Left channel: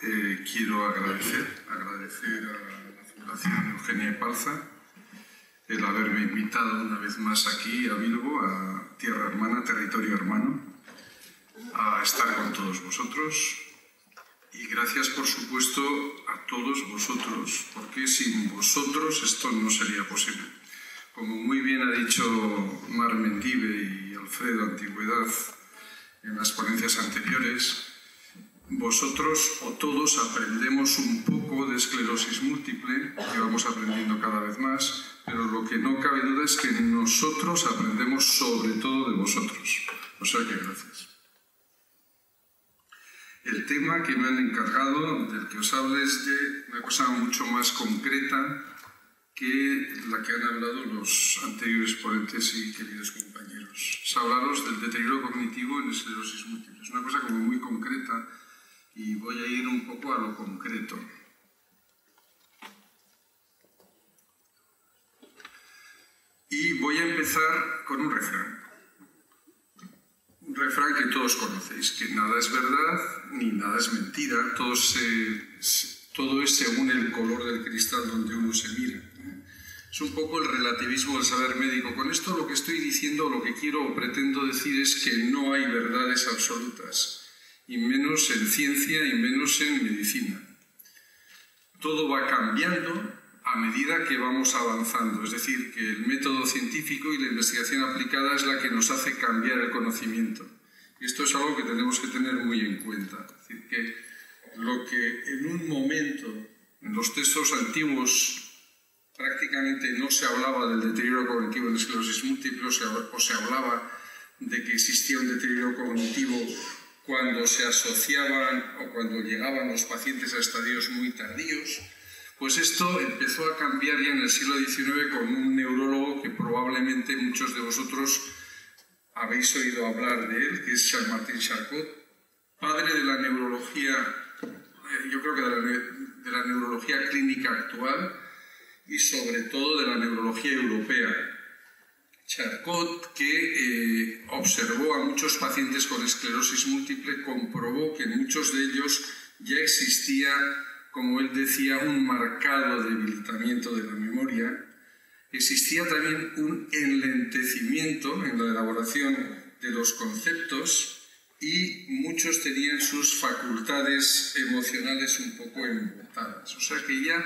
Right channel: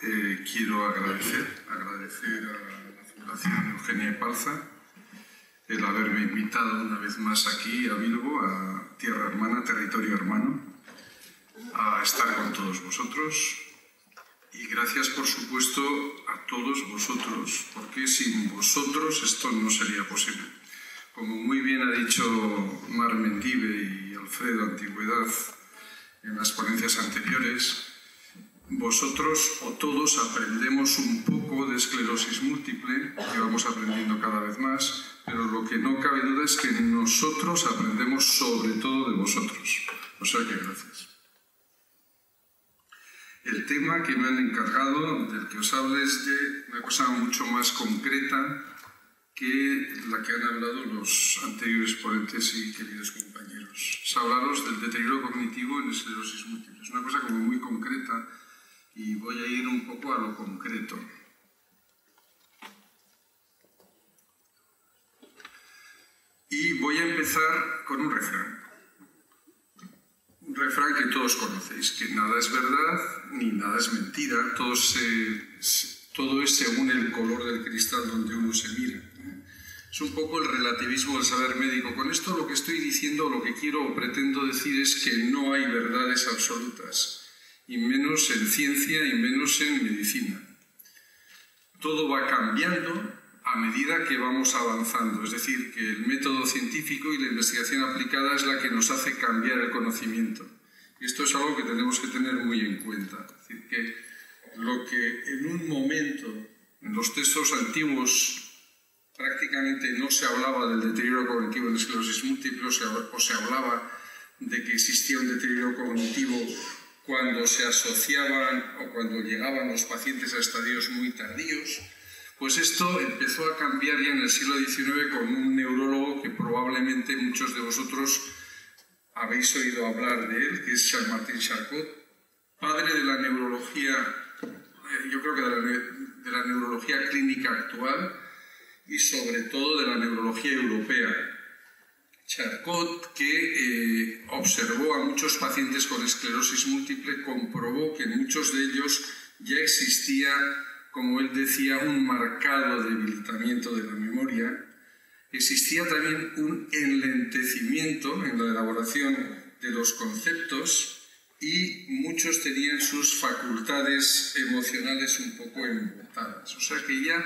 quiero agradecer a la Fundación Eugenia Epalza el haberme invitado una vez más aquí a Bilbo, a Tierra Hermana, Territorio Hermano, a estar con todos vosotros. Y gracias, por supuesto, a todos vosotros, porque sin vosotros esto no sería posible. Como muy bien ha dicho Mar Mendive y Alfredo Antigüedad en las ponencias anteriores, vosotros o todos aprendemos un poco de esclerosis múltiple, que vamos aprendiendo cada vez más, pero lo que no cabe duda es que nosotros aprendemos sobre todo de vosotros. O sea que gracias. El tema que me han encargado, del que os hablo, es de una cosa mucho más concreta que la que han hablado los anteriores ponentes y queridos compañeros. Es hablaros del deterioro cognitivo en esclerosis múltiple. Es una cosa como muy concreta y voy a ir un poco a lo concreto. Y voy a empezar con un refrán. Un refrán que todos conocéis, que nada es verdad ni nada es mentira, todo es según el color del cristal donde uno se mira. Es un poco el relativismo del saber médico. Con esto lo que estoy diciendo, lo que quiero o pretendo decir es que no hay verdades absolutas, y menos en ciencia y menos en medicina. Todo va cambiando a medida que vamos avanzando, es decir, que el método científico y la investigación aplicada es la que nos hace cambiar el conocimiento. Y esto es algo que tenemos que tener muy en cuenta. Es decir, que lo que en un momento, en los textos antiguos, prácticamente no se hablaba del deterioro cognitivo en esclerosis múltiple, o se hablaba de que existía un deterioro cognitivo cuando se asociaban o cuando llegaban los pacientes a estadios muy tardíos. Pues esto empezó a cambiar ya en el siglo XIX con un neurólogo que probablemente muchos de vosotros habéis oído hablar de él, que es Charles-Martin Charcot, padre de la neurología, yo creo que de la neurología clínica actual y sobre todo de la neurología europea. Charcot, que observó a muchos pacientes con esclerosis múltiple, comprobó que en muchos de ellos ya existía, como él decía, un marcado debilitamiento de la memoria. Existía también un enlentecimiento en la elaboración de los conceptos y muchos tenían sus facultades emocionales un poco embotadas. O sea que ya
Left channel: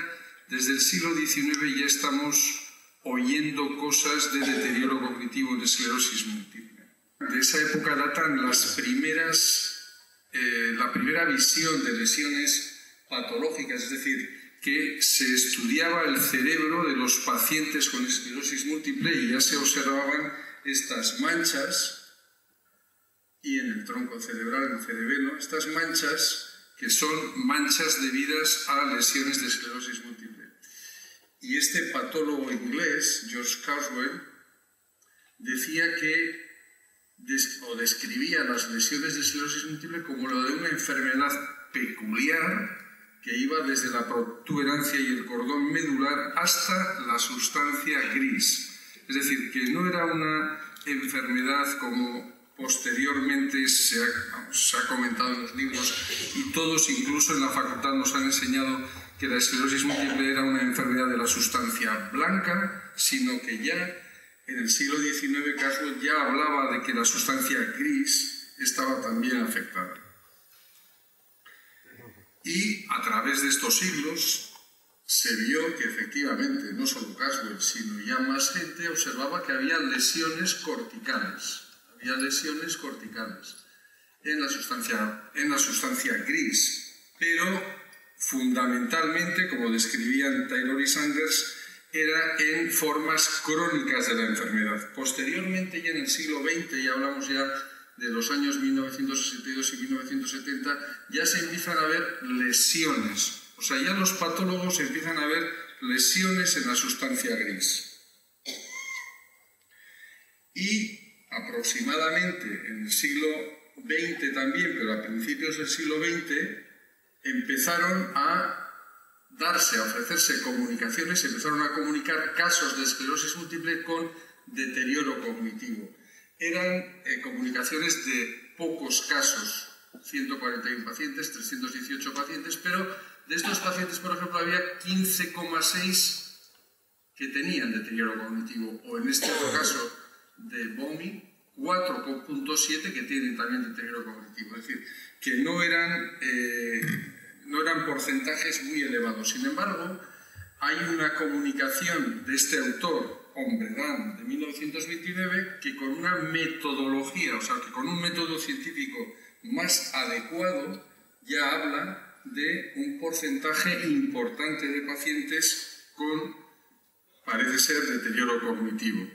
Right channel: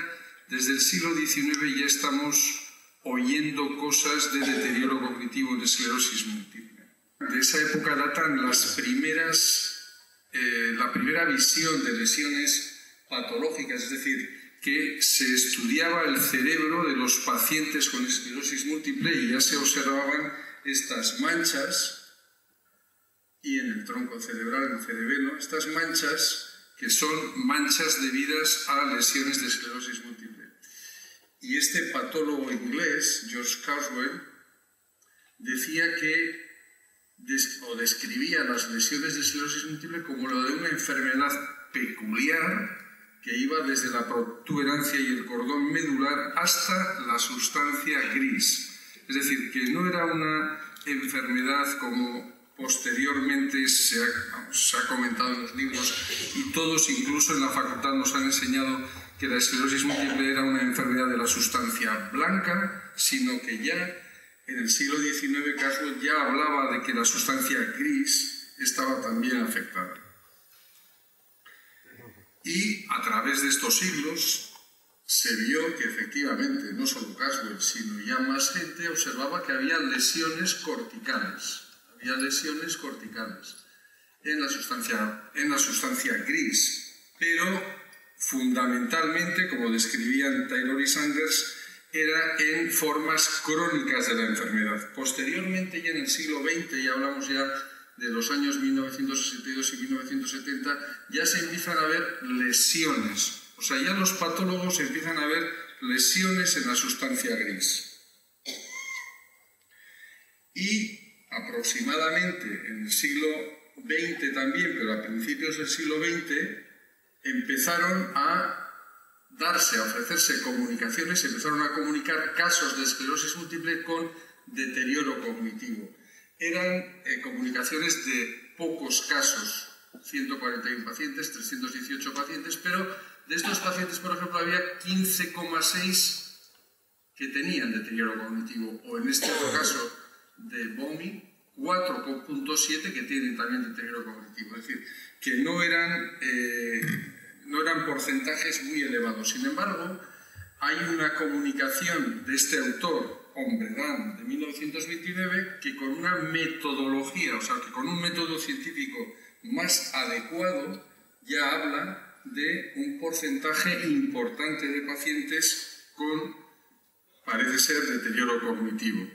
desde el siglo XIX ya estamos oyendo cosas de deterioro cognitivo en esclerosis múltiple. De esa época datan la primera visión de lesiones patológicas, es decir, que se estudiaba el cerebro de los pacientes con esclerosis múltiple y ya se observaban estas manchas, y en el tronco cerebral, en el cerebelo, estas manchas que son manchas debidas a lesiones de esclerosis múltiple. Y este patólogo inglés, George Carswell, decía que describía las lesiones de esclerosis múltiple como lo de una enfermedad peculiar que iba desde la protuberancia y el cordón medular hasta la sustancia gris. Es decir, que no era una enfermedad como posteriormente se ha comentado en los libros, y todos, incluso en la facultad, nos han enseñado que la esclerosis múltiple era una enfermedad de la sustancia blanca, sino que ya en el siglo XIX Carswell ya hablaba de que la sustancia gris estaba también afectada. Y a través de estos siglos se vio que efectivamente, no solo Carswell, sino ya más gente observaba que había lesiones corticales. Había lesiones corticales en la sustancia gris, pero fundamentalmente, como describían Taylor y Sanders, era en formas crónicas de la enfermedad. Posteriormente, ya en el siglo XX, ya hablamos ya de los años 1962 y 1970, ya se empiezan a ver lesiones. O sea, ya los patólogos empiezan a ver lesiones en la sustancia gris. Y aproximadamente en el siglo XX también, pero a principios del siglo XX, empezaron a ofrecerse comunicaciones, empezaron a comunicar casos de esclerosis múltiple con deterioro cognitivo. Eran comunicaciones de pocos casos, 141 pacientes, 318 pacientes, pero de estos pacientes, por ejemplo, había 15,6 que tenían deterioro cognitivo, o en este caso de BOMI, 4,7 que tienen también deterioro cognitivo. Es decir, que no eran porcentajes muy elevados. Sin embargo, hay una comunicación de este autor, Hombredán, de 1929, que con una metodología, o sea, que con un método científico más adecuado, ya habla de un porcentaje importante de pacientes con, parece ser, deterioro cognitivo.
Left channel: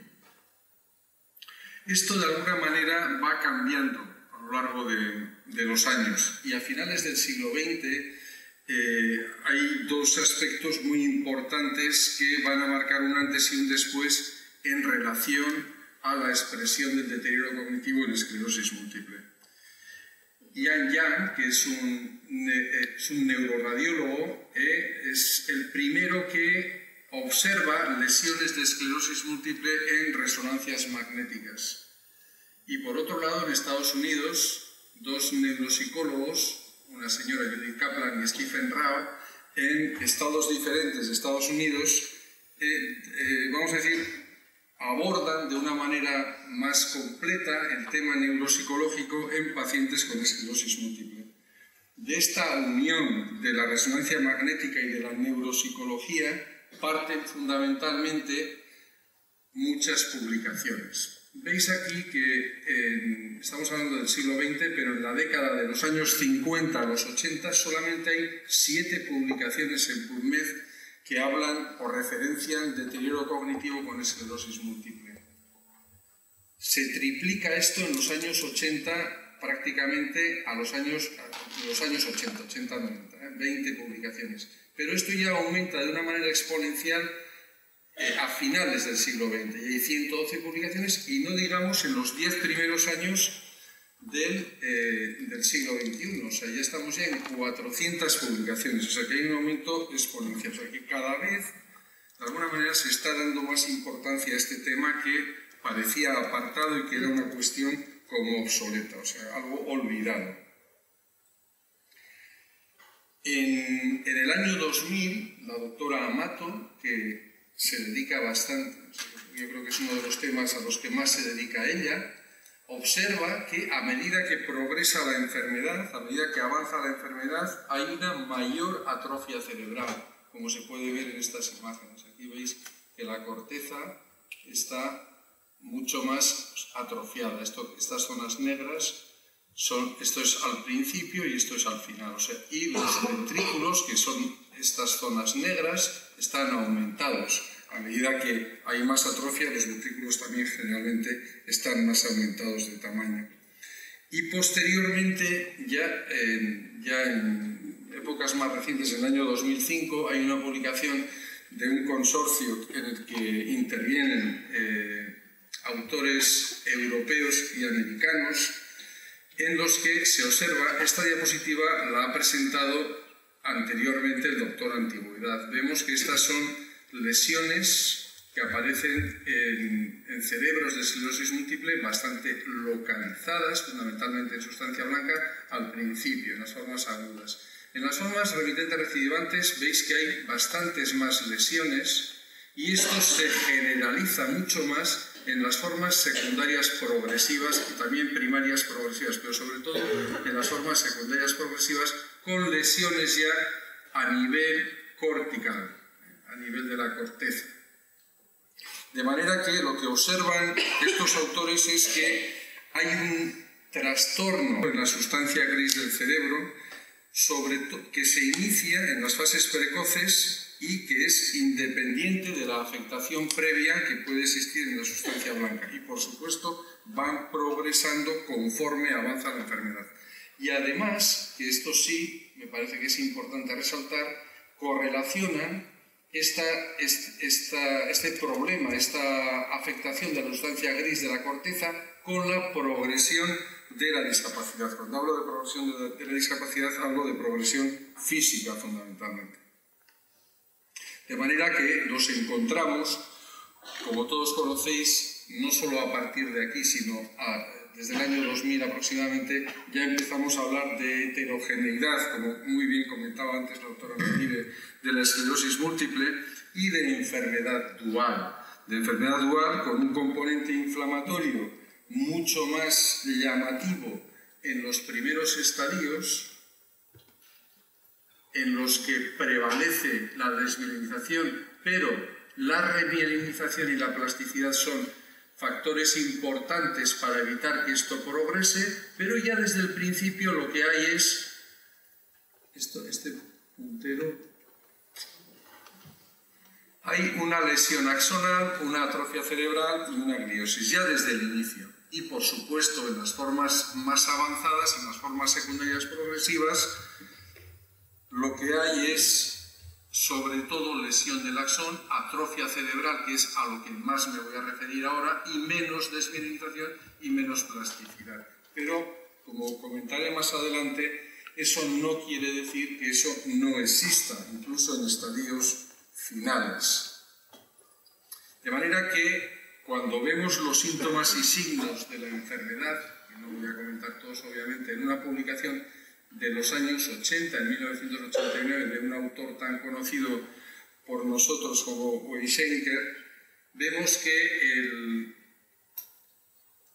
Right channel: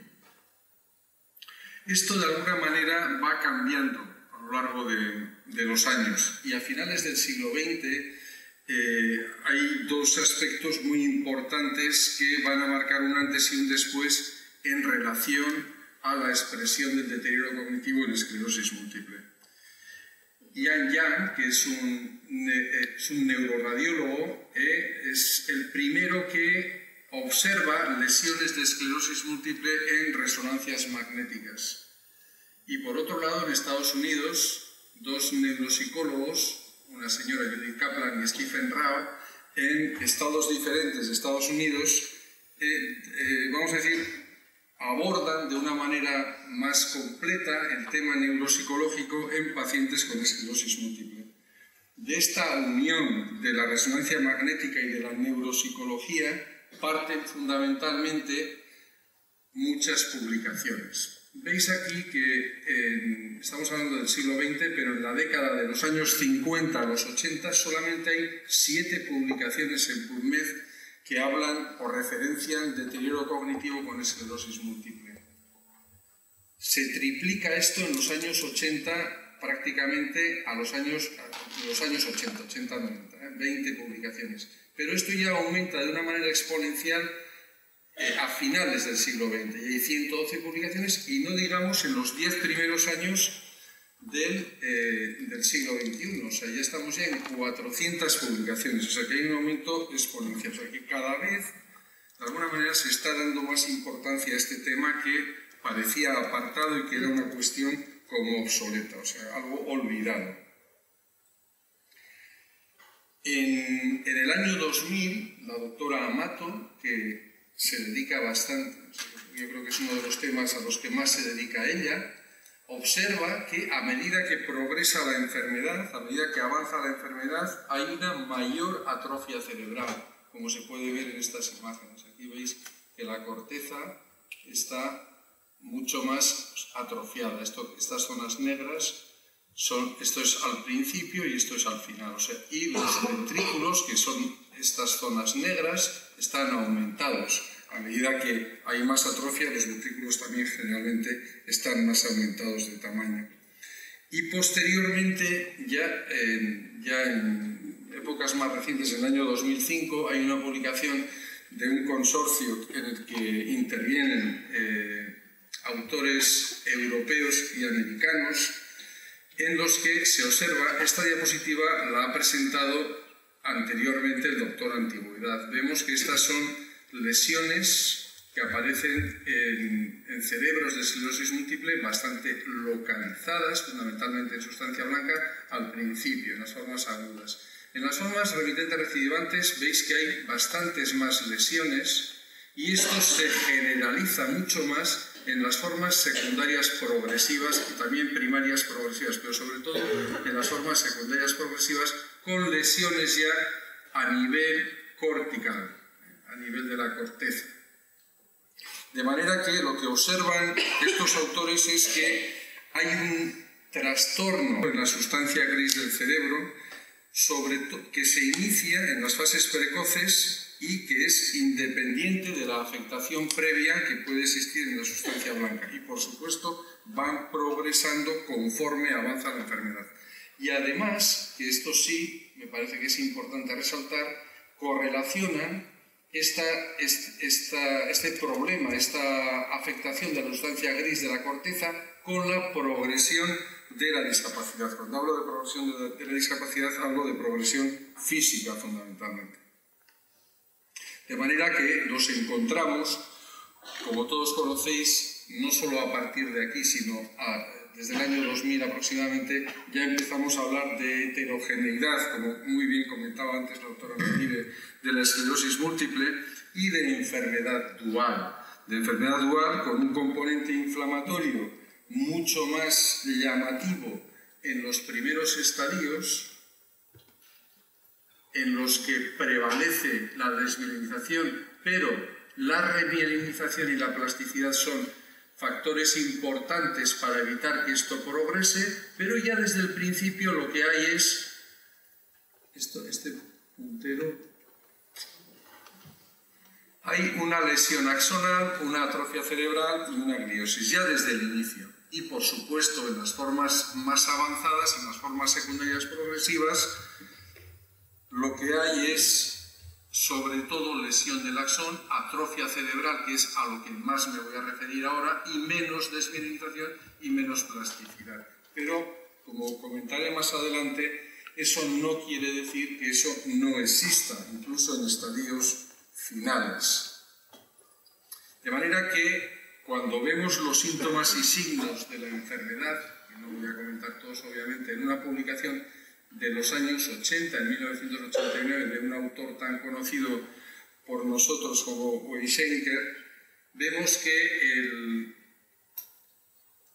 Esto de alguna manera va cambiando a lo largo de los años, y a finales del siglo XX hay dos aspectos muy importantes que van a marcar un antes y un después en relación a la expresión del deterioro cognitivo en esclerosis múltiple. Ian Yang, que es un neuroradiólogo, es el primero que observa lesiones de esclerosis múltiple en resonancias magnéticas. Y por otro lado, en Estados Unidos, dos neuropsicólogos, una señora Judith Kaplan y Stephen Rao, en estados diferentes de Estados Unidos, vamos a decir, abordan de una manera más completa el tema neuropsicológico en pacientes con esclerosis múltiple. De esta unión de la resonancia magnética y de la neuropsicología parten fundamentalmente muchas publicaciones. Veis aquí que estamos hablando del siglo XX, pero en la década de los años 50 a los 80 solamente hay 7 publicaciones en PubMed que hablan o referencian deterioro cognitivo con esclerosis múltiple. Se triplica esto en los años 80 prácticamente a los años 80-90, 20 publicaciones. Pero esto ya aumenta de una manera exponencial a finales del siglo XX, y hay 112 publicaciones, y no digamos en los 10 primeros años del siglo XXI, o sea, ya estamos ya en 400 publicaciones, o sea que hay un aumento exponencial, o sea que cada vez, de alguna manera, se está dando más importancia a este tema que parecía apartado y que era una cuestión como obsoleta, o sea, algo olvidado. En el año 2000, la doctora Amato, que se dedica bastante, yo creo que es uno de los temas a los que más se dedica ella, observa que a medida que progresa la enfermedad, a medida que avanza la enfermedad, hay una mayor atrofia cerebral, como se puede ver en estas imágenes. Aquí veis que la corteza está mucho más atrofiada. Estas zonas negras esto es al principio y esto es al final. O sea, y los ventrículos, que son estas zonas negras, están aumentados. A medida que hay más atrofia, los ventrículos también generalmente están más aumentados de tamaño. Y posteriormente, ya en épocas más recientes, en el año 2005, hay una publicación de un consorcio en el que intervienen autores europeos y americanos, en los que se observa, esta diapositiva la ha presentado anteriormente el doctor Antigüedad. Vemos que estas son lesiones que aparecen en cerebros de esclerosis múltiple bastante localizadas, fundamentalmente en sustancia blanca, al principio, en las formas agudas. En las formas remitentes recidivantes veis que hay bastantes más lesiones, y esto se generaliza mucho más en las formas secundarias progresivas y también primarias progresivas, pero sobre todo en las formas secundarias progresivas con lesiones ya a nivel cortical, a nivel de la corteza. De manera que lo que observan estos autores es que hay un trastorno en la sustancia gris del cerebro que se inicia en las fases precoces y que es independiente de la afectación previa que puede existir en la sustancia blanca. Y por supuesto van progresando conforme avanza la enfermedad. Y además, que esto sí me parece que es importante resaltar, correlacionan este problema, esta afectación de la sustancia gris de la corteza con la progresión de la discapacidad. Cuando hablo de progresión de la discapacidad, hablo de progresión física fundamentalmente. De manera que nos encontramos, como todos conocéis, no solo a partir de aquí, sino desde el año 2000 aproximadamente, ya empezamos a hablar de heterogeneidad, como muy bien comentaba antes la doctora Medire, de la esclerosis múltiple y de enfermedad dual. De enfermedad dual con un componente inflamatorio mucho más llamativo en los primeros estadios, en los que prevalece la desmielinización, pero la remielinización y la plasticidad son factores importantes para evitar que esto progrese, pero ya desde el principio lo que hay es este puntero. Hay una lesión axonal, una atrofia cerebral y una gliosis, ya desde el inicio. Y por supuesto, en las formas más avanzadas, en las formas secundarias progresivas, lo que hay es sobre todo lesión del axón, atrofia cerebral, que es a lo que más me voy a referir ahora, y menos desmielinización y menos plasticidad. Pero, como comentaré más adelante, eso no quiere decir que eso no exista, incluso en estadios finales. De manera que, cuando vemos los síntomas y signos de la enfermedad, que no voy a comentar todos obviamente, en una publicación de los años 80, en 1989, de un autor tan conocido por nosotros como Weissenker, vemos que el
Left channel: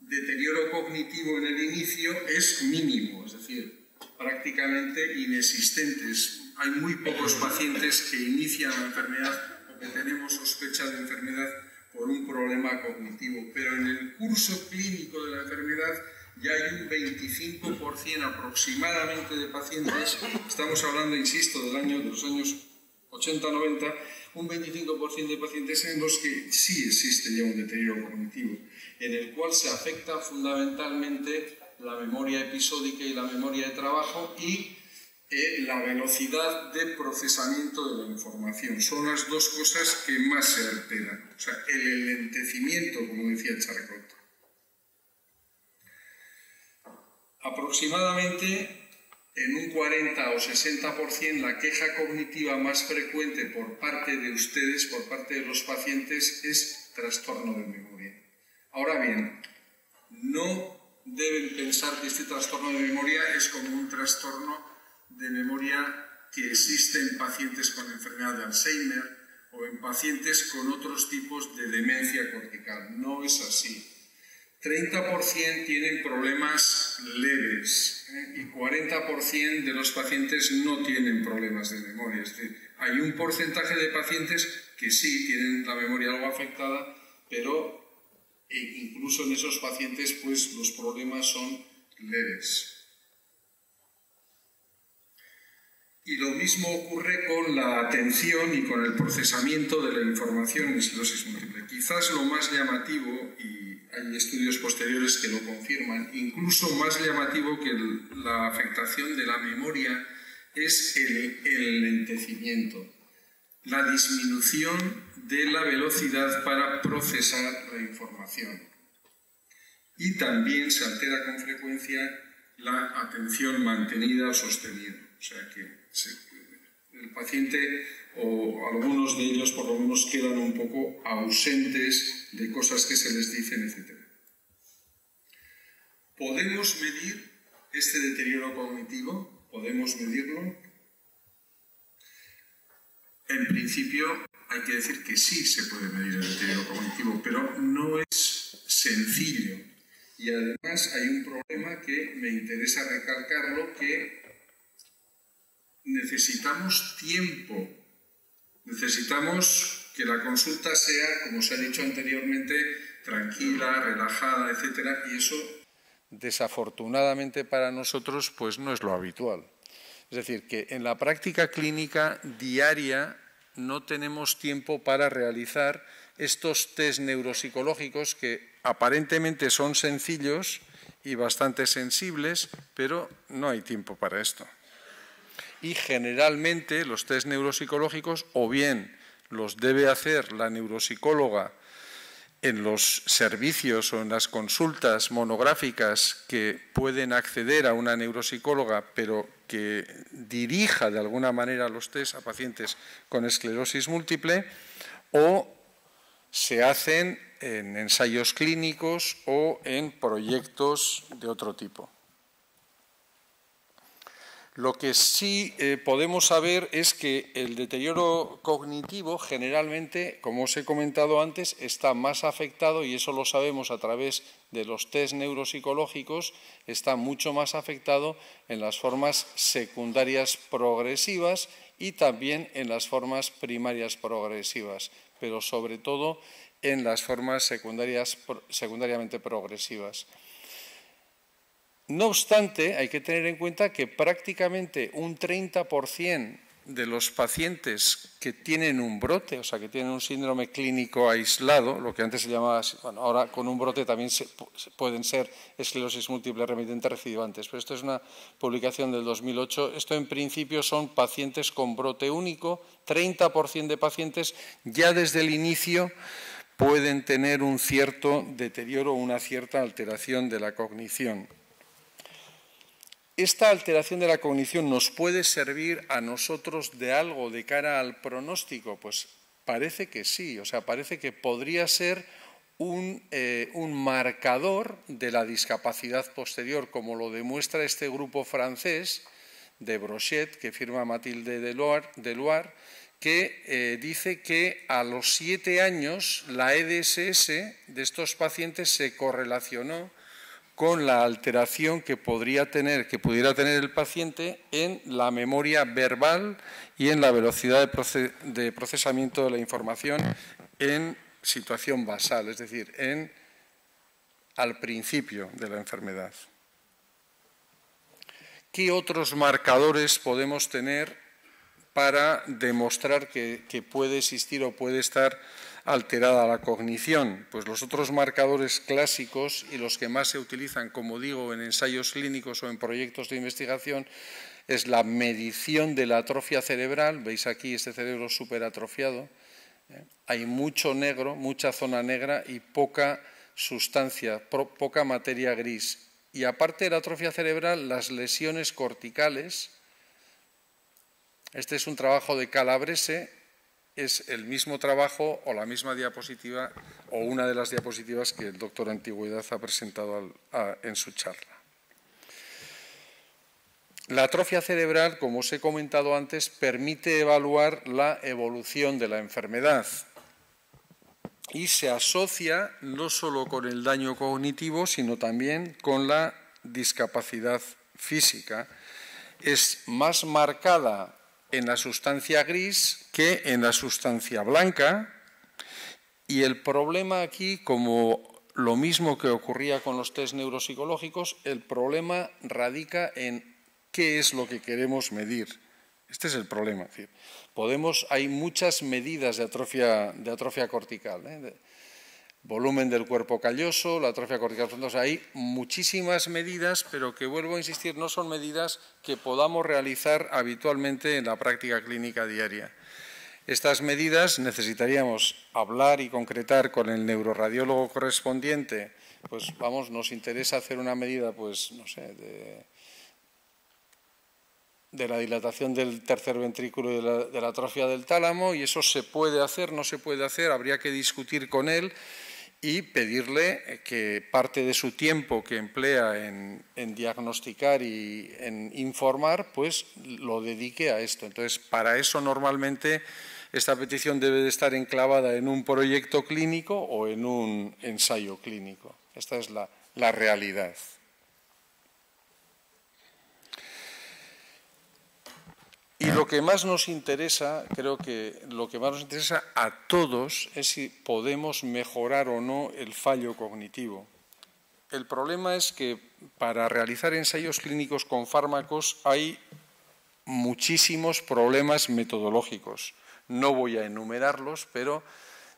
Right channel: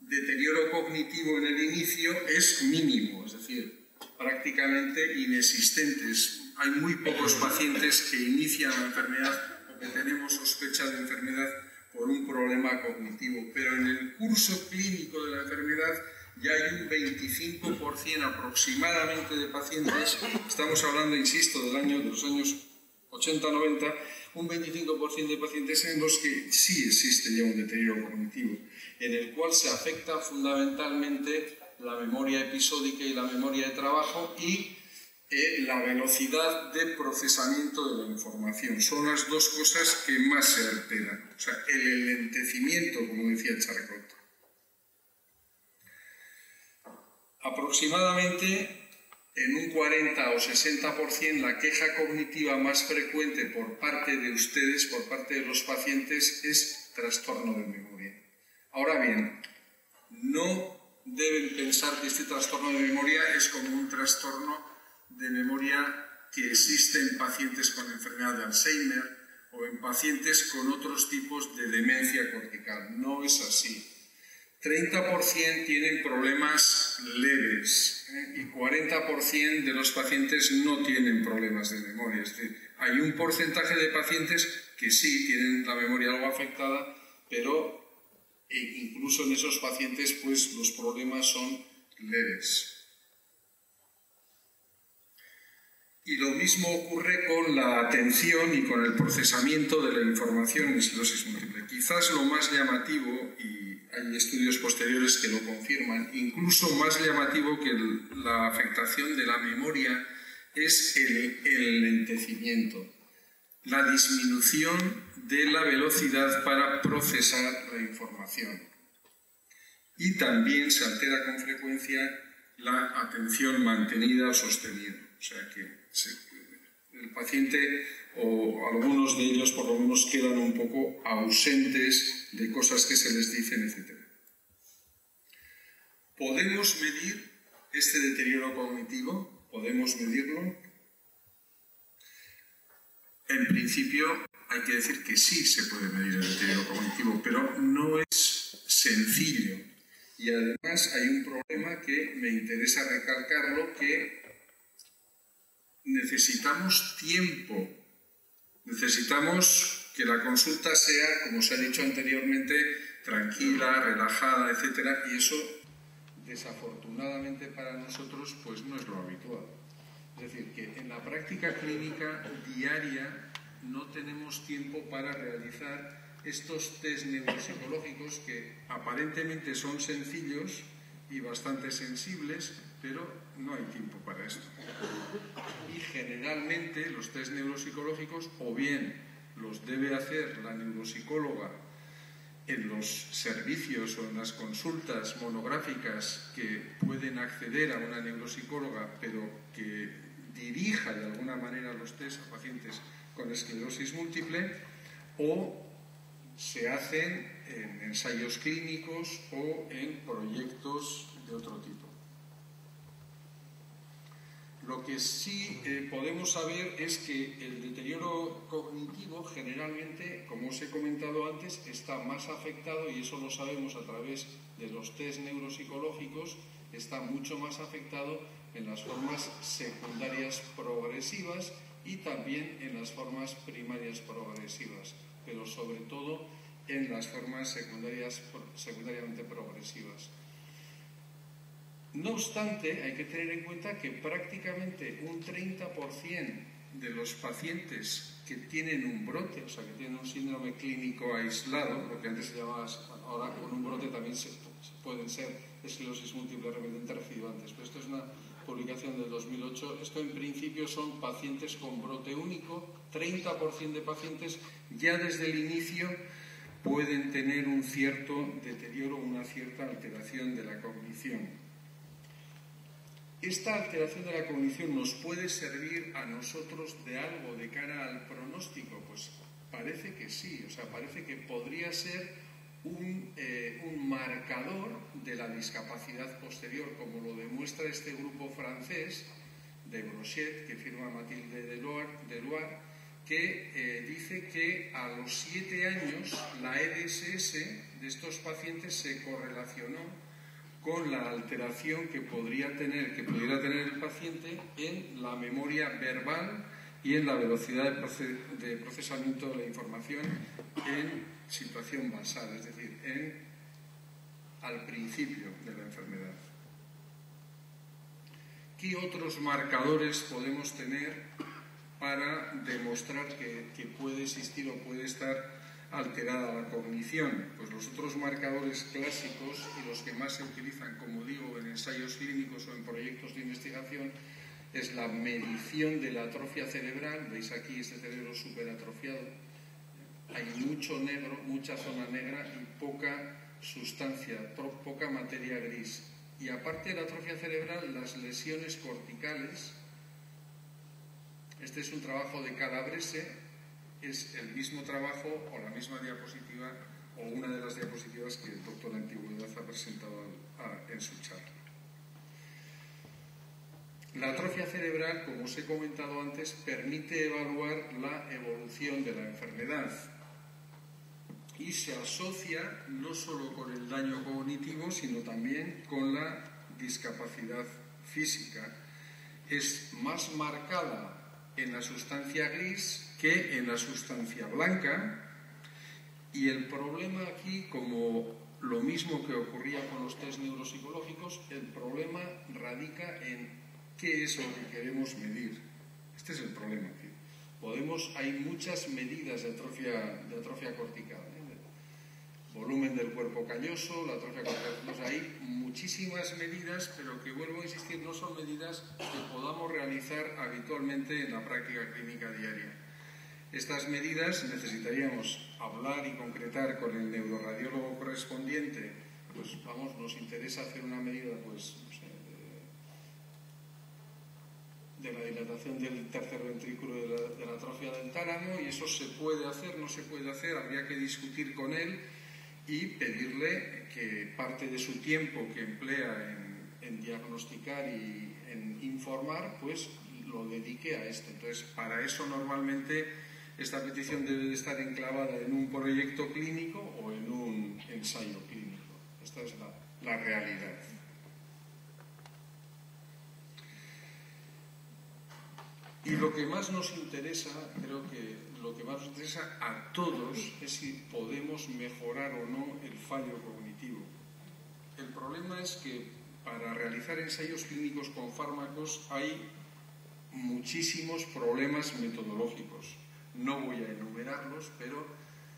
deterioro cognitivo en el inicio es mínimo, es decir, prácticamente inexistente. Hay muy pocos pacientes que inician la enfermedad o que tenemos sospecha de enfermedad por un problema cognitivo, pero en el curso clínico de la enfermedad ya hay un 25% aproximadamente de pacientes, estamos hablando, insisto, de los años 80-90, un 25% de pacientes en los que sí existe ya un deterioro cognitivo, en el cual se afecta fundamentalmente la memoria episódica y la memoria de trabajo y la velocidad de procesamiento de la información. Son las dos cosas que más se alteran. O sea, el enlentecimiento, como decía Charcot. Aproximadamente en un 40 o 60% la queja cognitiva más frecuente por parte de ustedes, por parte de los pacientes, es trastorno de memoria. Ahora bien, no deben pensar que este trastorno de memoria es como un trastorno de memoria que existe en pacientes con enfermedad de Alzheimer o en pacientes con otros tipos de demencia cortical. No es así. 30% tienen problemas leves y 40% de los pacientes no tienen problemas de memoria. Es decir, hay un porcentaje de pacientes que sí tienen la memoria algo afectada, pero incluso en esos pacientes pues, los problemas son leves. Y lo mismo ocurre con la atención y con el procesamiento de la información en esclerosis múltiple. Quizás lo más llamativo, y hay estudios posteriores que lo confirman, incluso más llamativo que la afectación de la memoria, es el lentecimiento, la disminución de la velocidad para procesar la información. Y también se altera con frecuencia la atención mantenida o sostenida. O sea que el paciente o algunos de ellos por lo menos quedan un poco ausentes de cosas que se les dicen, etc. ¿Podemos medir este deterioro cognitivo? ¿Podemos medirlo? En principio hay que decir que sí se puede medir el deterioro cognitivo, pero no es sencillo. Y además hay un problema que me interesa recalcarlo, que necesitamos tiempo, necesitamos que la consulta sea, como se ha dicho anteriormente, tranquila, relajada, etc. Y eso, desafortunadamente para nosotros, pues no es lo habitual. Es decir, que en la práctica clínica diaria no tenemos tiempo para realizar estos test neuropsicológicos que aparentemente son sencillos y bastante sensibles, pero no hay tiempo para esto. Y generalmente los test neuropsicológicos o bien los debe hacer la neuropsicóloga en los servicios o en las consultas monográficas que pueden acceder a una neuropsicóloga, pero que dirija de alguna manera los test a pacientes con esclerosis múltiple, o se hacen en ensayos clínicos o en proyectos de otro tipo. Lo que sí podemos saber es que el deterioro cognitivo generalmente, como os he comentado antes, está más afectado, y eso lo sabemos a través de los test neuropsicológicos, está mucho más afectado en las formas secundarias progresivas y también en las formas primarias progresivas, pero sobre todo en las formas secundariamente progresivas. No obstante, hay que tener en cuenta que prácticamente un 30% de los pacientes que tienen un brote, o sea, que tienen un síndrome clínico aislado, lo que antes se llamaba, bueno, ahora con un brote también pueden ser esclerosis múltiple remitente recidivantes, pero esto es una publicación del 2008. Esto en principio son pacientes con brote único. 30% de pacientes ya desde el inicio pueden tener un cierto deterioro, una cierta alteración de la cognición. ¿Esta alteración de la cognición nos puede servir a nosotros de algo de cara al pronóstico? Pues parece que sí, o sea, parece que podría ser un marcador de la discapacidad posterior, como lo demuestra este grupo francés de Brochet, que firma Mathilde Deloire, que dice que a los 7 años la EDSS de estos pacientes se correlacionó con la alteración que pudiera tener el paciente en la memoria verbal y en la velocidad de procesamiento de la información en situación basal, es decir, al principio de la enfermedad. ¿Qué otros marcadores podemos tener para demostrar que puede existir o puede estar alterada la cognición? Pues los otros marcadores clásicos y los que más se utilizan, como digo, en ensayos clínicos o en proyectos de investigación, es la medición de la atrofia cerebral. Veis aquí este cerebro súper atrofiado. Hay mucho negro, mucha zona negra y poca sustancia, poca materia gris. Y aparte de la atrofia cerebral, las lesiones corticales. Este es un trabajo de Calabrese. Es el mismo trabajo o la misma diapositiva o una de las diapositivas que el doctor Antigüedad ha presentado en su charla. La atrofia cerebral, como os he comentado antes, permite evaluar la evolución de la enfermedad y se asocia no solo con el daño cognitivo, sino también con la discapacidad física. Es más marcada en la sustancia gris que en la sustancia blanca, y el problema aquí, como lo mismo que ocurría con los test neuropsicológicos, el problema radica en qué es lo que queremos medir. Este es el problema. Es decir, hay muchas medidas de atrofia cortical, volumen del cuerpo calloso, la atrofia cortical frondosa. Hay muchísimas medidas, pero que, vuelvo a insistir, no son medidas que podamos realizar habitualmente en la práctica clínica diaria. Estas medidas necesitaríamos hablar y concretar con el neuroradiólogo correspondiente. Pues nos interesa hacer una medida, pues no sé, de la dilatación del tercer ventrículo de la atrofia del tálamo, y eso se puede hacer, no se puede hacer, habría que discutir con él y pedirle que parte de su tiempo que emplea en diagnosticar y en informar, pues lo dedique a esto. Entonces, para eso normalmente esta petición debe de estar enclavada en un proyecto clínico o en un ensayo clínico. Esta es la realidad. Y lo que más nos interesa, creo que lo que más nos interesa a todos es si podemos mejorar o no el fallo cognitivo. El problema es que para realizar ensayos clínicos con fármacos hay muchísimos problemas metodológicos. No voy a enumerarlos, pero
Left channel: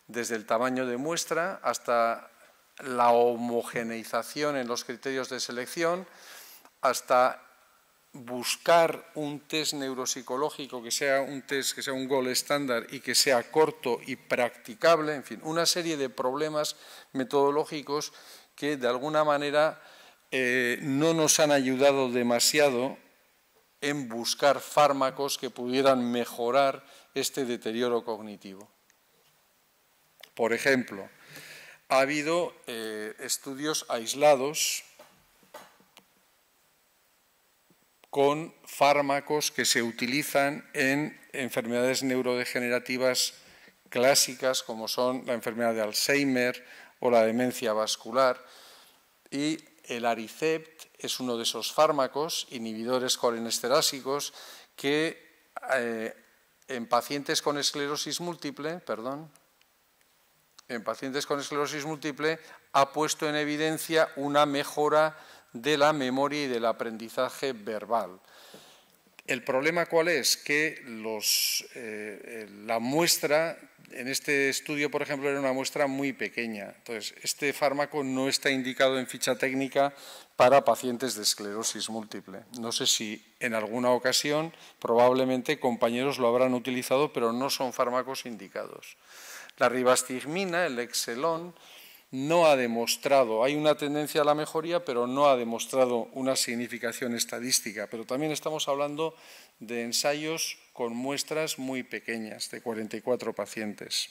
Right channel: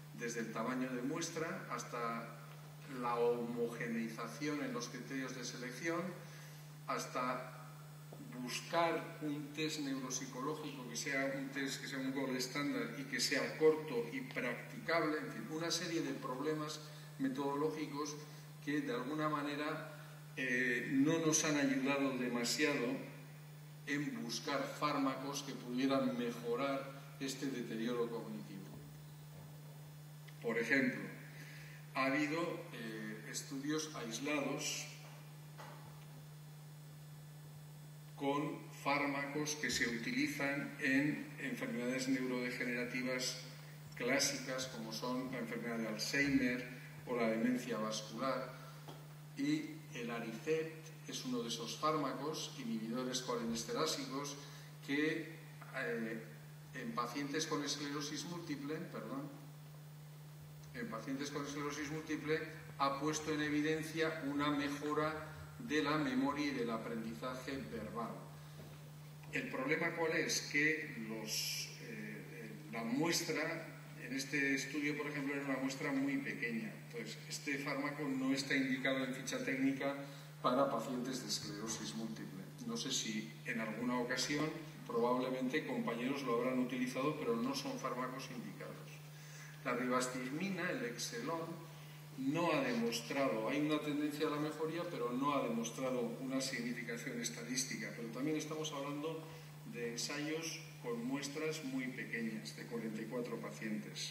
desde el tamaño de muestra hasta la homogeneización en los criterios de selección, hasta buscar un test neuropsicológico que sea un gold estándar y que sea corto y practicable, en fin, una serie de problemas metodológicos que de alguna manera no nos han ayudado demasiado en buscar fármacos que pudieran mejorar este deterioro cognitivo. Por ejemplo, ha habido estudios aislados con fármacos que se utilizan en enfermedades neurodegenerativas clásicas como son la enfermedad de Alzheimer o la demencia vascular, y el Aricept es uno de esos fármacos inhibidores colinesterásicos que en pacientes con esclerosis múltiple, ha puesto en evidencia una mejora de la memoria y del aprendizaje verbal. ¿El problema cuál es? Que la muestra, en este estudio, por ejemplo, era una muestra muy pequeña. Entonces, este fármaco no está indicado en ficha técnica para pacientes de esclerosis múltiple. No sé si en alguna ocasión, probablemente, compañeros lo habrán utilizado, pero no son fármacos indicados. La ribastigmina, el Exelon, no ha demostrado, hay una tendencia a la mejoría, pero no ha demostrado una significación estadística. Pero también estamos hablando de ensayos con muestras muy pequeñas, de 44 pacientes.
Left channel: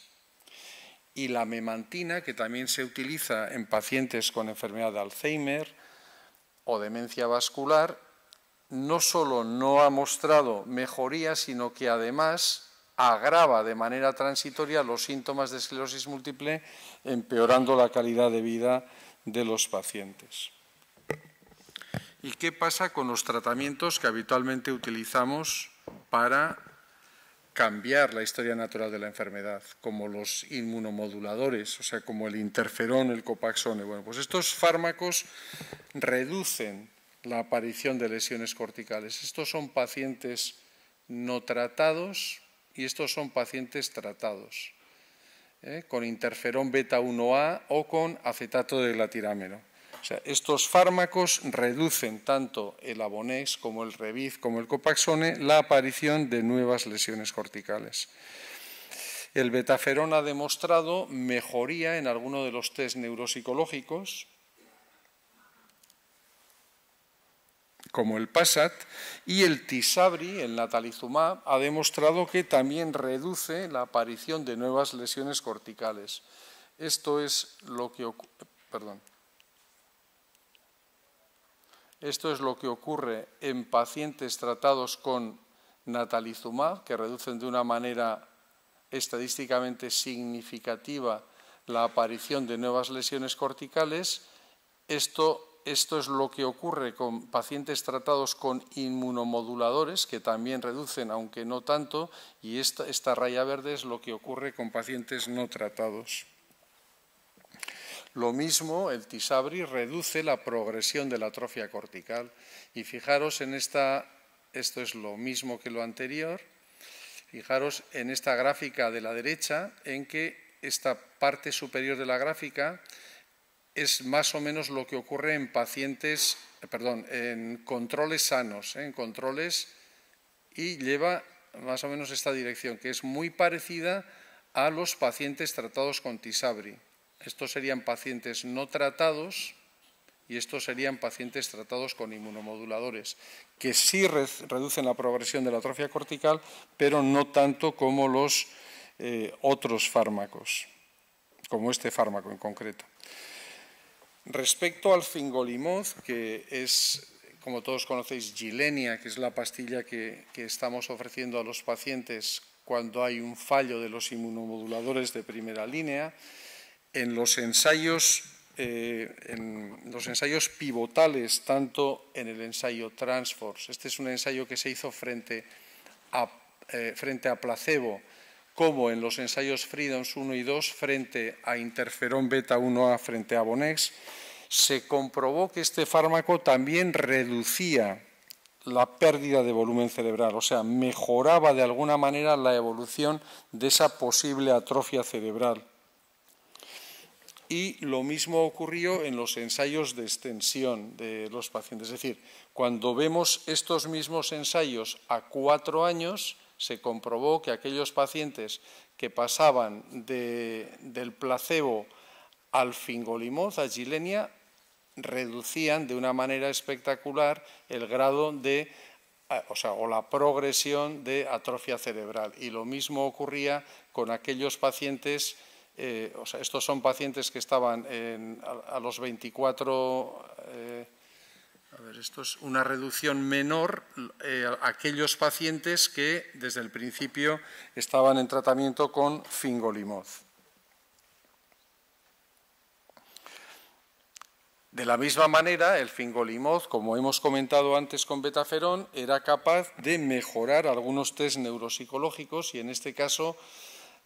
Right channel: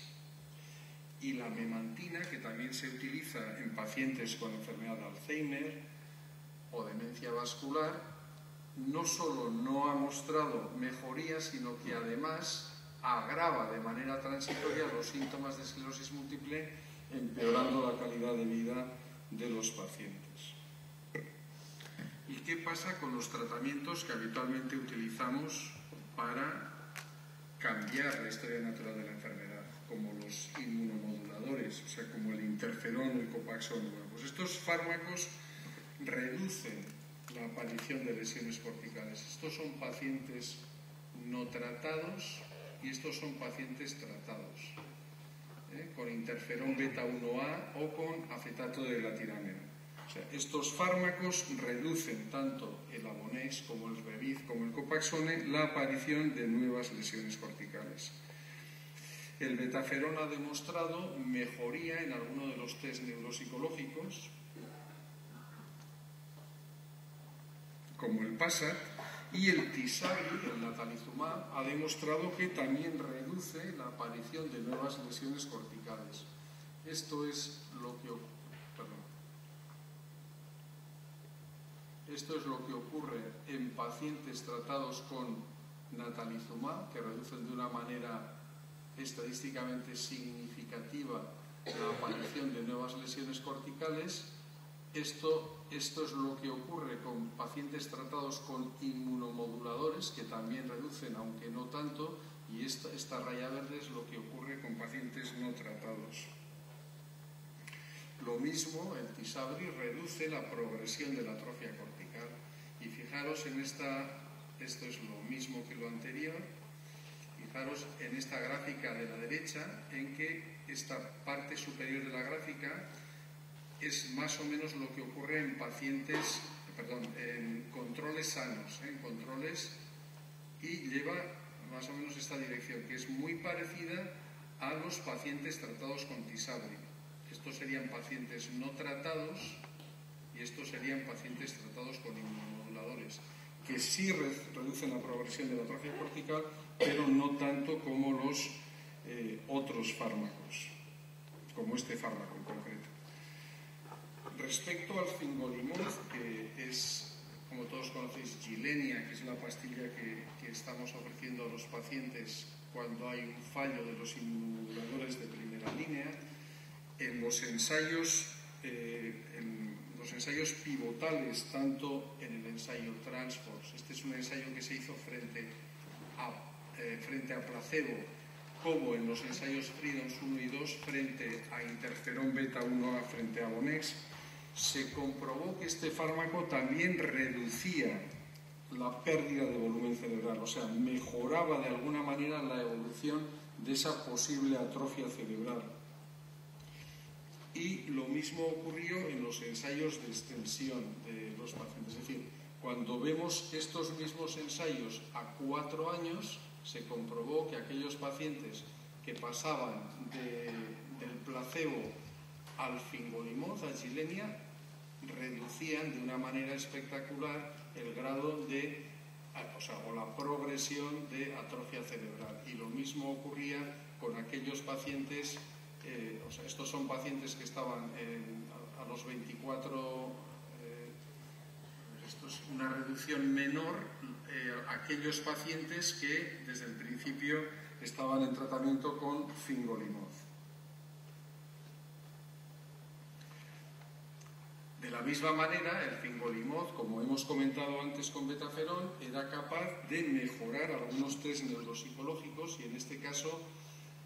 Y la memantina, que también se utiliza en pacientes con enfermedad de Alzheimer o demencia vascular, no solo no ha mostrado mejoría, sino que además agrava de manera transitoria los síntomas de esclerosis múltiple, empeorando la calidad de vida de los pacientes. ¿Y qué pasa con los tratamientos que habitualmente utilizamos para cambiar la historia natural de la enfermedad, como los inmunomoduladores, o sea, como el interferón, el copaxone? Bueno, pues estos fármacos reducen la aparición de lesiones corticales. Estos son pacientes no tratados y estos son pacientes tratados, con interferón beta-1A o con acetato de glatirameno. O sea, estos fármacos reducen tanto el Avonex como el Reviv como el copaxone la aparición de nuevas lesiones corticales. El betaferón ha demostrado mejoría en alguno de los test neuropsicológicos, como el PASAT, y el Tisabri, el natalizumab, ha demostrado que también reduce la aparición de nuevas lesiones corticales. Esto es lo que ocurre en pacientes tratados con natalizumab, que reducen de una manera estadísticamente significativa la aparición de nuevas lesiones corticales. Esto es lo que ocurre con pacientes tratados con inmunomoduladores, que también reducen, aunque no tanto, y esta raya verde es lo que ocurre con pacientes no tratados. Lo mismo, el Tisabri reduce la progresión de la atrofia cortical. Y fijaros en esto es lo mismo que lo anterior. Fijaros en esta gráfica de la derecha, en que esta parte superior de la gráfica es más o menos lo que ocurre en en controles sanos, en controles, y lleva más o menos esta dirección, que es muy parecida a los pacientes tratados con Tisabri. Estos serían pacientes no tratados y estos serían pacientes tratados con inmunomoduladores, que sí reducen la progresión de la atrofia cortical, pero no tanto como los otros fármacos, como este fármaco en concreto. Respecto al fingolimod, que es, como todos conocéis, Gilenya, que es la pastilla que estamos ofreciendo a los pacientes cuando hay un fallo de los inmunomoduladores de primera línea, en los ensayos pivotales, tanto en el ensayo Transforce, este es un ensayo que se hizo frente a placebo, como en los ensayos Freedoms 1 y 2 frente a interferón beta-1A frente a Avonex, se comprobó que este fármaco también reducía la pérdida de volumen cerebral, o sea, mejoraba de alguna manera la evolución de esa posible atrofia cerebral. Y lo mismo ocurrió en los ensayos de extensión de los pacientes. Es decir, cuando vemos estos mismos ensayos a 4 años, se comprobó que aquellos pacientes que pasaban del placebo al fingolimod, a Gilenya, reducían de una manera espectacular el grado o la progresión de atrofia cerebral. Y lo mismo ocurría con aquellos pacientes o sea, estos son pacientes que estaban a los 24, esto es una reducción menor a aquellos pacientes que desde el principio estaban en tratamiento con fingolimod. De la misma manera, el fingolimod, como hemos comentado antes con betaferón, era capaz de mejorar algunos test neuropsicológicos y en este caso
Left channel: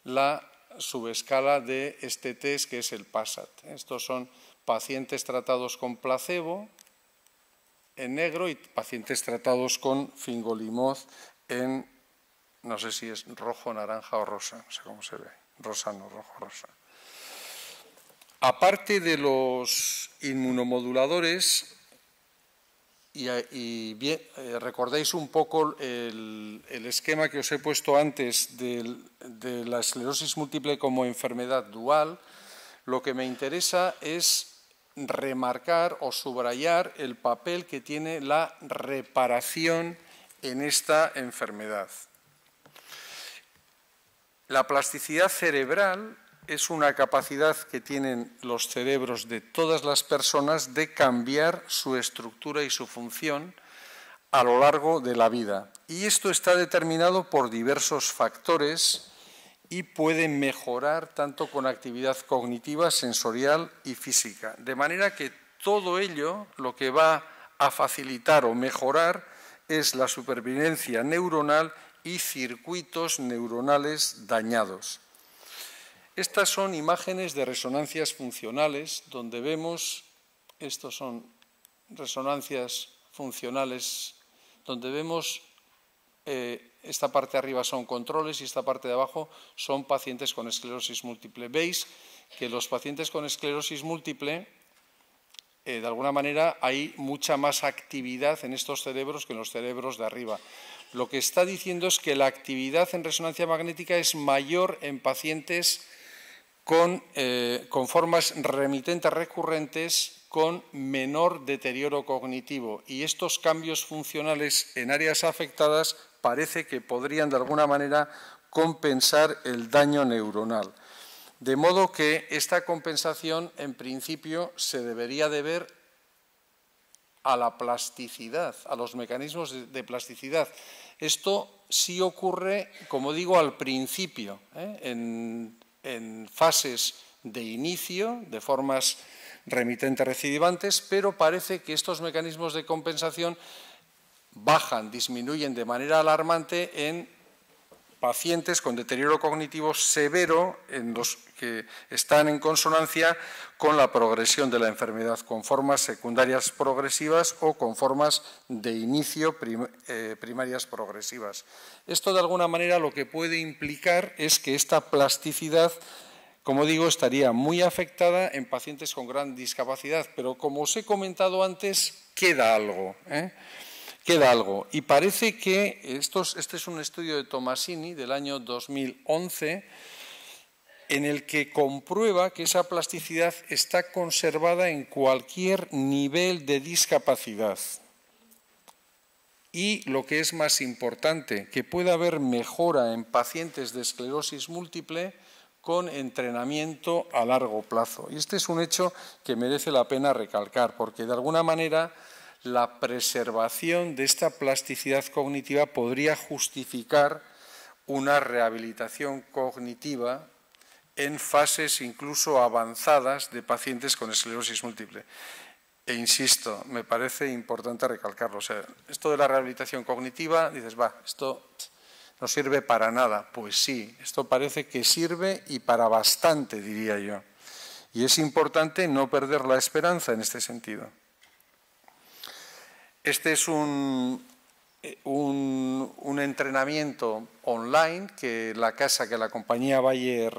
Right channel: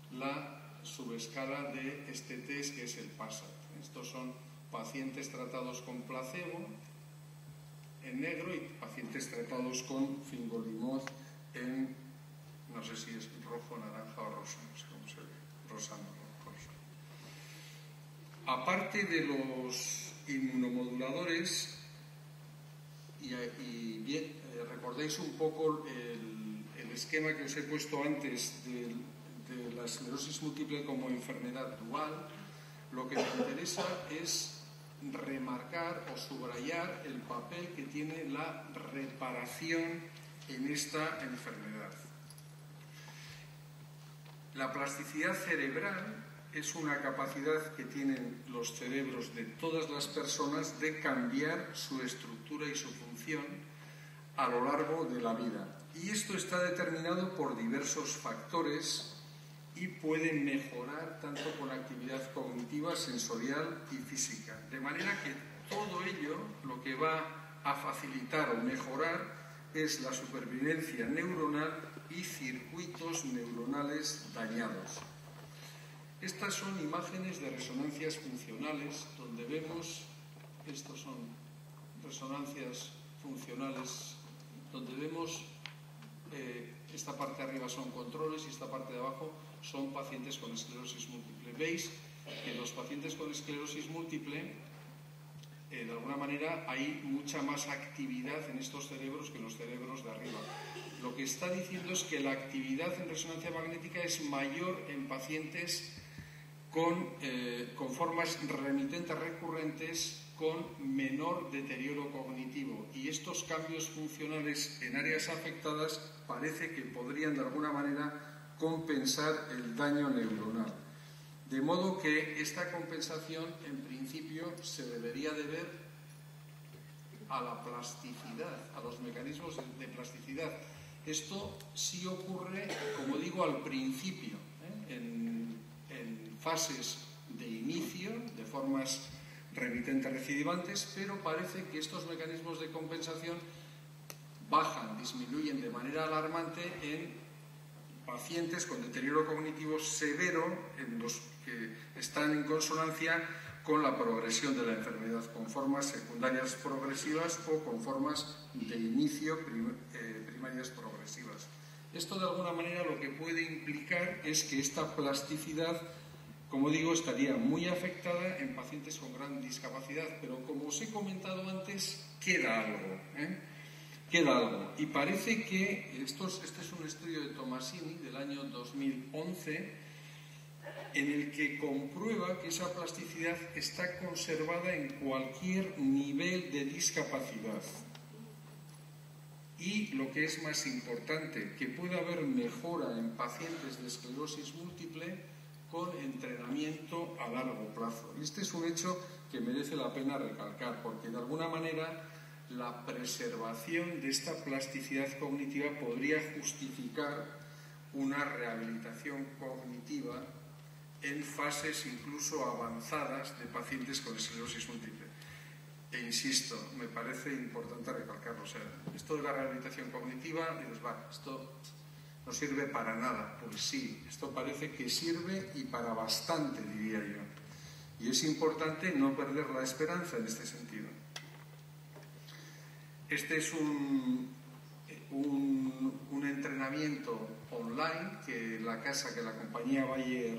la subescala de este test que es el PASAT. Estos son pacientes tratados con placebo en negro y pacientes tratados con fingolimod en, no sé si es rojo, naranja o rosa, no sé cómo se ve, rosa no, rojo, rosa. Aparte de los inmunomoduladores, recordéis un poco el esquema que os he puesto antes de la esclerosis múltiple como enfermedad dual, lo que me interesa es remarcar o subrayar el papel que tiene la reparación en esta enfermedad. La plasticidad cerebral es una capacidad que tienen los cerebros de todas las personas de cambiar su estructura y su función a lo largo de la vida. Y esto está determinado por diversos factores y puede mejorar tanto con actividad cognitiva, sensorial y física. De manera que todo ello lo que va a facilitar o mejorar es la supervivencia neuronal y circuitos neuronales dañados. Estas son imágenes de resonancias funcionales donde vemos, estos son resonancias funcionales, donde vemos esta parte de arriba son controles y esta parte de abajo son pacientes con esclerosis múltiple. Veis que los pacientes con esclerosis múltiple, de alguna manera, hay mucha más actividad en estos cerebros que en los cerebros de arriba. Lo que está diciendo es que la actividad en resonancia magnética es mayor en pacientes con formas remitentes recurrentes con menor deterioro cognitivo y estos cambios funcionales en áreas afectadas parece que podrían de alguna manera compensar el daño neuronal. De modo que esta compensación en principio se debería deber a la plasticidad, a los mecanismos de plasticidad. Esto sí ocurre, como digo, al principio, en fases de inicio, de formas remitentes recidivantes, pero parece que estos mecanismos de compensación bajan, disminuyen de manera alarmante en pacientes con deterioro cognitivo severo, en los que están en consonancia con la progresión de la enfermedad, con formas secundarias progresivas o con formas de inicio primarias progresivas. Esto, de alguna manera, lo que puede implicar es que esta plasticidad, como digo, estaría muy afectada en pacientes con gran discapacidad, pero como os he comentado antes, queda algo, Queda algo. Y parece que este es un estudio de Tomasini del año 2011, en el que comprueba que esa plasticidad está conservada en cualquier nivel de discapacidad. Y lo que es más importante, que puede haber mejora en pacientes de esclerosis múltiple con entrenamiento a largo plazo. Y este es un hecho que merece la pena recalcar, porque de alguna manera la preservación de esta plasticidad cognitiva podría justificar una rehabilitación cognitiva en fases incluso avanzadas de pacientes con esclerosis múltiple. E insisto, me parece importante recalcarlo. O sea, esto de la rehabilitación cognitiva, dices, esto no sirve para nada. Pues sí, esto parece que sirve y para bastante, diría yo. Y es importante no perder la esperanza en este sentido. Este es un entrenamiento online que la compañía Bayer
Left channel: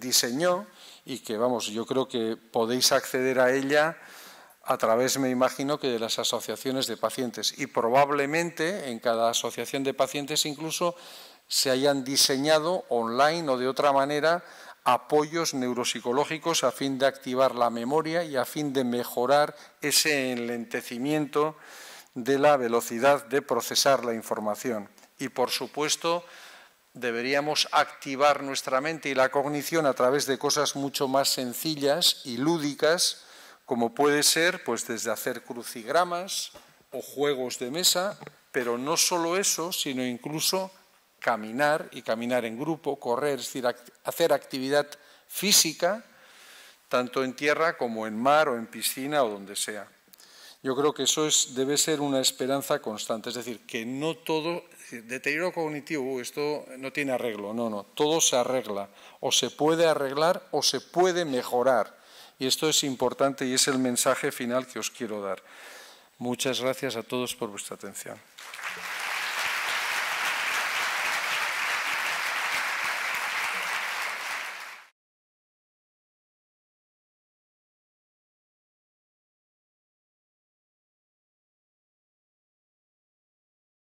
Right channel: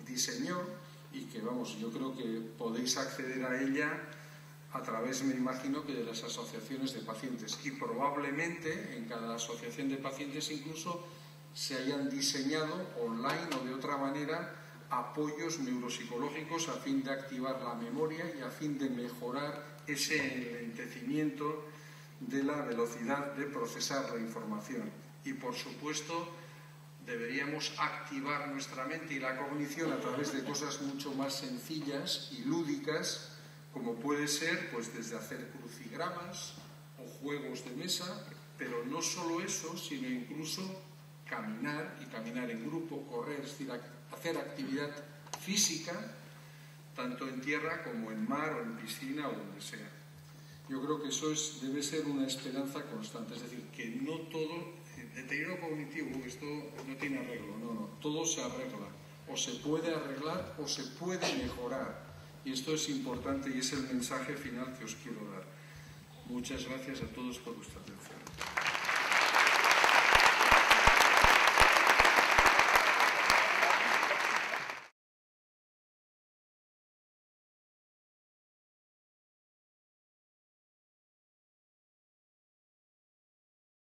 diseñó y que, yo creo que podéis acceder a ella a través, me imagino, que de las asociaciones de pacientes. Y probablemente en cada asociación de pacientes incluso se hayan diseñado online o de otra manera apoyos neuropsicológicos a fin de activar la memoria y a fin de mejorar ese enlentecimiento de la velocidad de procesar la información. Y, por supuesto, deberíamos activar nuestra mente y la cognición a través de cosas mucho más sencillas y lúdicas, como puede ser pues desde hacer crucigramas o juegos de mesa, pero no solo eso, sino incluso caminar y caminar en grupo, correr, es decir, hacer actividad física, tanto en tierra como en mar o en piscina o donde sea. Yo creo que eso debe ser una esperanza constante, es decir, que no todo, deterioro cognitivo, esto no tiene arreglo, no, todo se arregla, o se puede arreglar o se puede mejorar, y esto es importante y es el mensaje final que os quiero dar. Muchas gracias a todos por vuestra atención.